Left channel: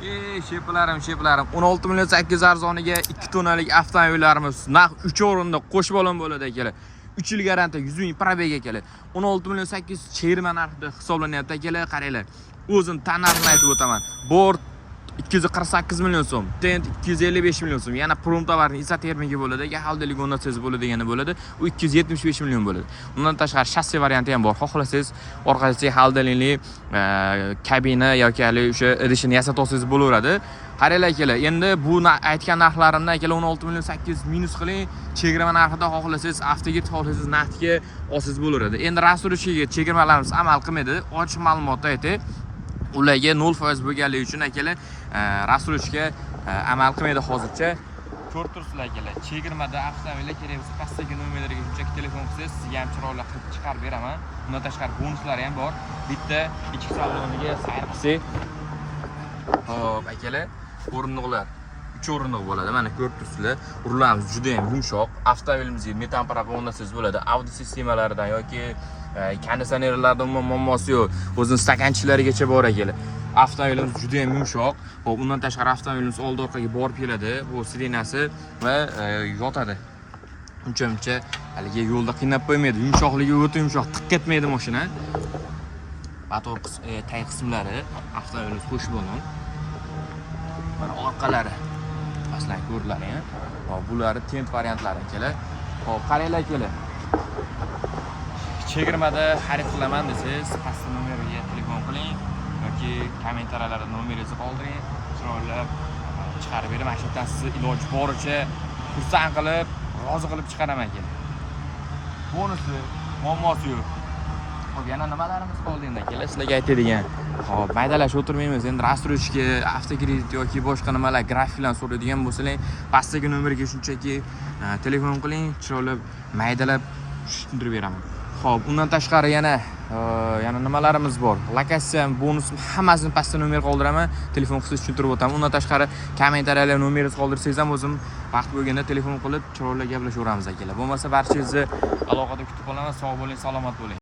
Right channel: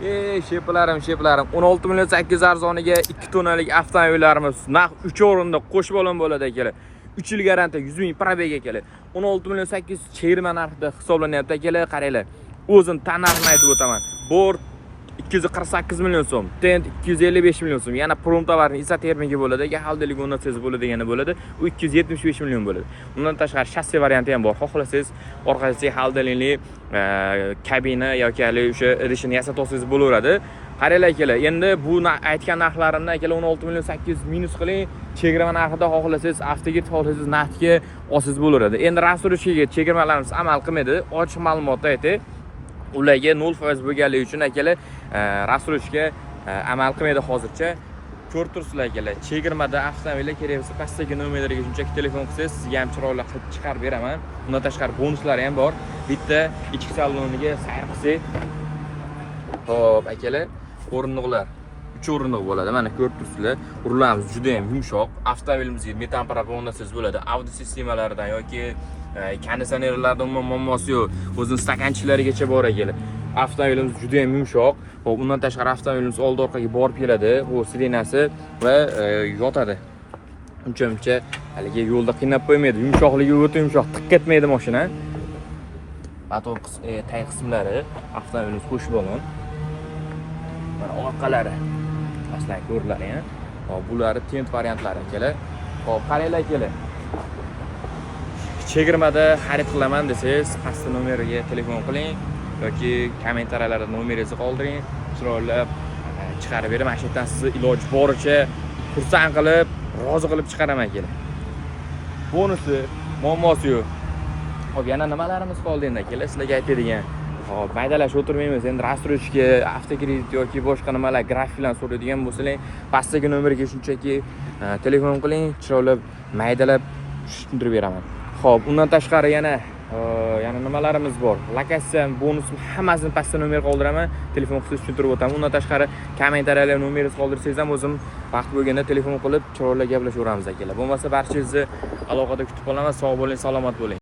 Sheplarim 16 million 800 arzoniga 2 tonalik avtomobillarimiz narx 3 o'rinda qo'shib olinib bo'ladi akalar. 3 yil garantiya 100 ming probeg akalar. 16 million 800 chegirma narxida hisoblanyapti akalar. Qaranglar. O'zim tan narxini aytib o'taman. Bord 248 million so'm, Tent 255 million so'm. Yana prom tovarning izotermigi bo'ladi, haldalik o'rnatsangiz bo'ladigani bo'ladi. U 275 million bo'ladi. Undan tashqari shassi varianti ham bor. Xohlasangiz orqasiga haldalikli kabina yoki o'sha idishini yasab olsangiz bo'laveradi. Qaranglar akalar, endi bu aytgan narxlarimdan akalar 16 million 800 minus qiling, chegirma narxida xohlasangiz avtoga xohlasangiz naqdga olsangiz bo'laveradi. Endi rasurishga chegirmalarimiz amal qilmaydi. Ochiq ma'lumotni aytay. Ularga 0% bo'lganligi uchun akalar rasurishga amal qilmaydi hozircha. Ko'rib turibsizlar akalar. Chegirmada avtomobillar kerak bo'lsa pastdagi nomerlarga shunchaki telefon qilsangiz, sizga ham chiroyli qilib chiqarib beraman. Undan tashqari bonuslari ham bor. Bitta ichki saloniga sayr qilsak. Xo'p, akalar, o'rindiqlar 3 o'rindiq bo'ladi. Mana ko'rib turibsizlar. Rullarimiz juda ham yumshoq. Avtomobilimizga metan propon o'rnatsangiz bo'ladi. Audio sistemalaridan yoki konditsionerlardan muammosi yo'q. O'zining stakanchiklarigacha bor akalar. Avtomobilimiz juda ham yumshoq. Xo'p, undan tashqari avtomobilimiz old orqaga borib keladi. Bu sirenasi va yotadi. Uncha haliga yo'lda qiynab qo'ymaydi. Yumshoqligi o'ta yumshoq, tiq etmaydi mashina. Motor tag qismlari avtomobilimiz qo'shib olgan. Mana orqalari aslan ko'riladi. Hop, bulari tent variantlari akalar. Hop, qaranglar akalar. Chegirmada xarid qilaman desangiz, pastda nomeriga telefon qiling yoki kommentariyalarda nomeringizni qoldiring. Chiroylab chiqarib beraman. Mana shu yerdan sizni iloji boricha xursand qilib, rozi qilib chiqaraman akalar. Bonusi, muammosi yo'q. Hop, yana nimalarimiz qoldi endi akalar? Sizlarga aytadigan. Hop, maydalashib o'tirmaymiz. Endi rastrojka, avtokredit yoki boshqa nimalar grafiklar so'raydigan bo'lsangiz, pastdagi nomerga shunchaki telefon qiling, chiroylab maydalab tushuntirib beraman. Xo'p, undan tashqari yana nimalarimiz bor? Lokatsiya, bonus hammasini pastda nomer qoldiraman. Telefon qilsangiz tushuntirib o'taman. Undan tashqari kommentariyalar nomeringizni qoldirsangiz ham o'zim vaqt bo'lganda telefon qilib chiroyli gaplashaveramiz akalar. Bo'lmasa barchangizni aloqada kutib qolaman. Sog' bo'ling, salomat bo'ling.